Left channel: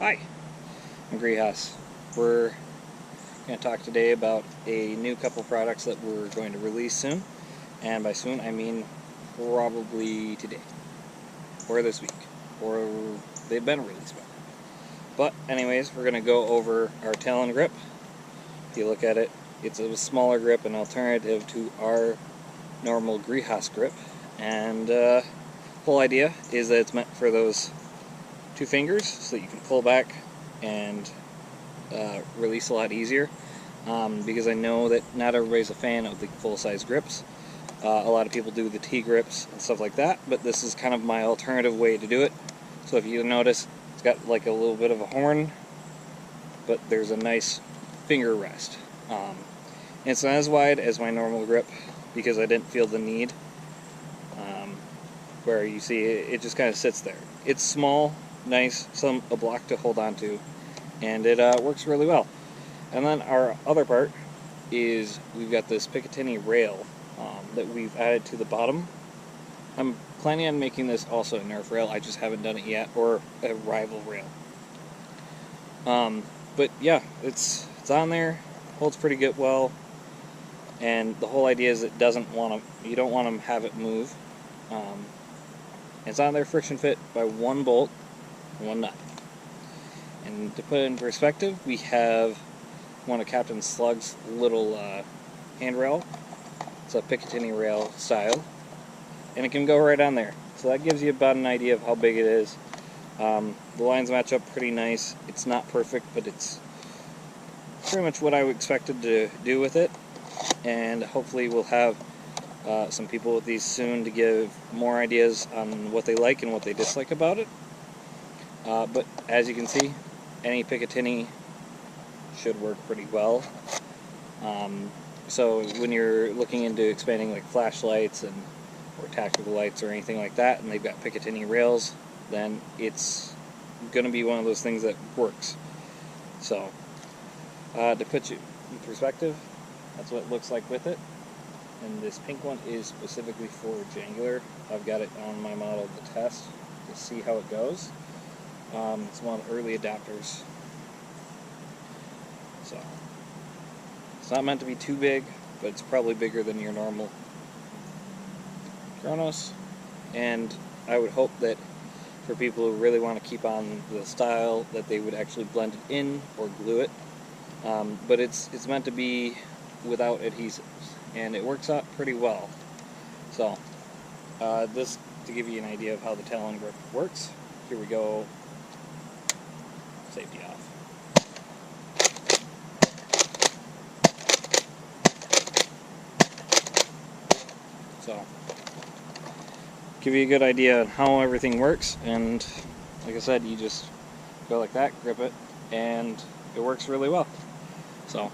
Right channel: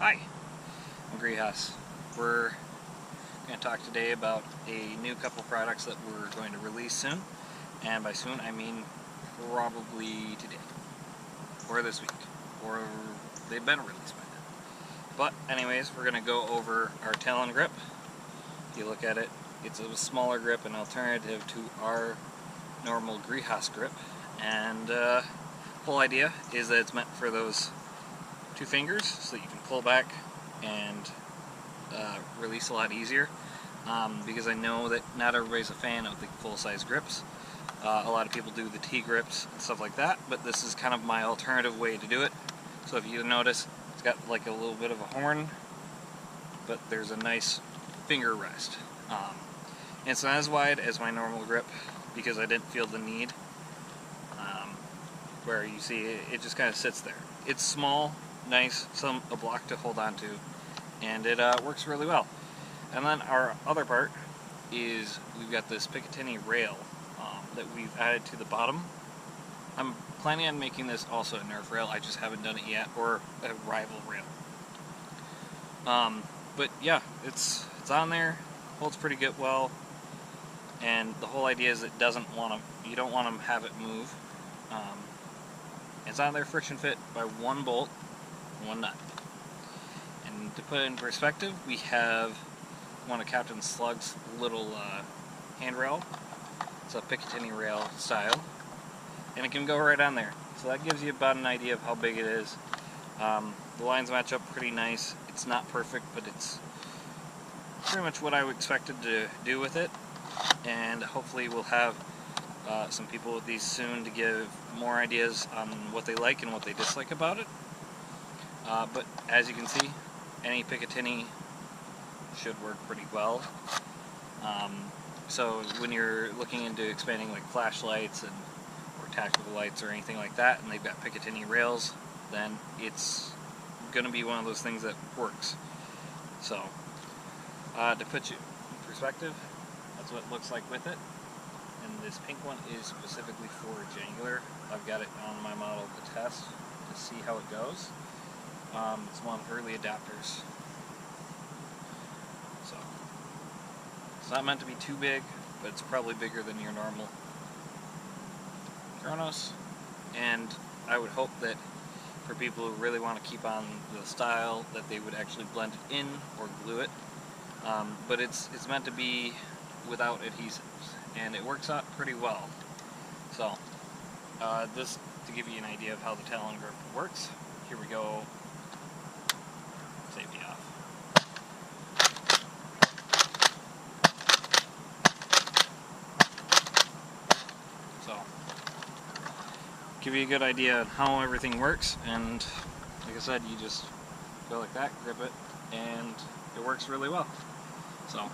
Hi, I'm Greehas. We're going to talk today about a new couple products that we're going to release soon. And by soon, I mean probably today, or this week, or they've been released by now. But anyways, we're going to go over our Talon grip. If you look at it, it's a smaller grip, an alternative to our normal Greehas grip. And the whole idea is that it's meant for those two fingers so that you can pull back and release a lot easier, because I know that not everybody's a fan of the full-size grips. A lot of people do the T-grips and stuff like that, but this is kind of my alternative way to do it. So if you notice, it's got like a little bit of a horn, but there's a nice finger rest. It's not as wide as my normal grip because I didn't feel the need, where you see it just kind of sits there. It's small, nice, a block to hold on to, and it works really well. And then our other part is we've got this Picatinny rail that we've added to the bottom. I'm planning on making this also a Nerf rail, I just haven't done it yet, or a rival rail. But yeah, it's on there, holds pretty good well, and the whole idea is you don't want to have it move. It's on there friction fit by one bolt, one nut. And to put it in perspective, we have one of Captain Slug's little handrail. It's a Picatinny rail style, and it can go right on there. So that gives you about an idea of how big it is. The lines match up pretty nice. It's not perfect, but it's pretty much what I expected to do with it. And hopefully we'll have some people with these soon to give more ideas on what they like and what they dislike about it. But as you can see, any Picatinny should work pretty well. So when you're looking into expanding like flashlights or tactical lights or anything like that, and they've got Picatinny rails, then it's going to be one of those things that works. So to put you in perspective, that's what it looks like with it. And this pink one is specifically for Jangular. I've got it on my model to test to see how it goes. It's one of the early adapters. So it's not meant to be too big, but it's probably bigger than your normal Kronos. And I would hope that for people who really want to keep on the style, that they would actually blend it in or glue it. But it's meant to be without adhesives, and it works out pretty well. So this to give you an idea of how the Talon grip works. Here we go. Safety off. So give you a good idea on how everything works, and like I said, you just go like that, grip it, and it works really well. So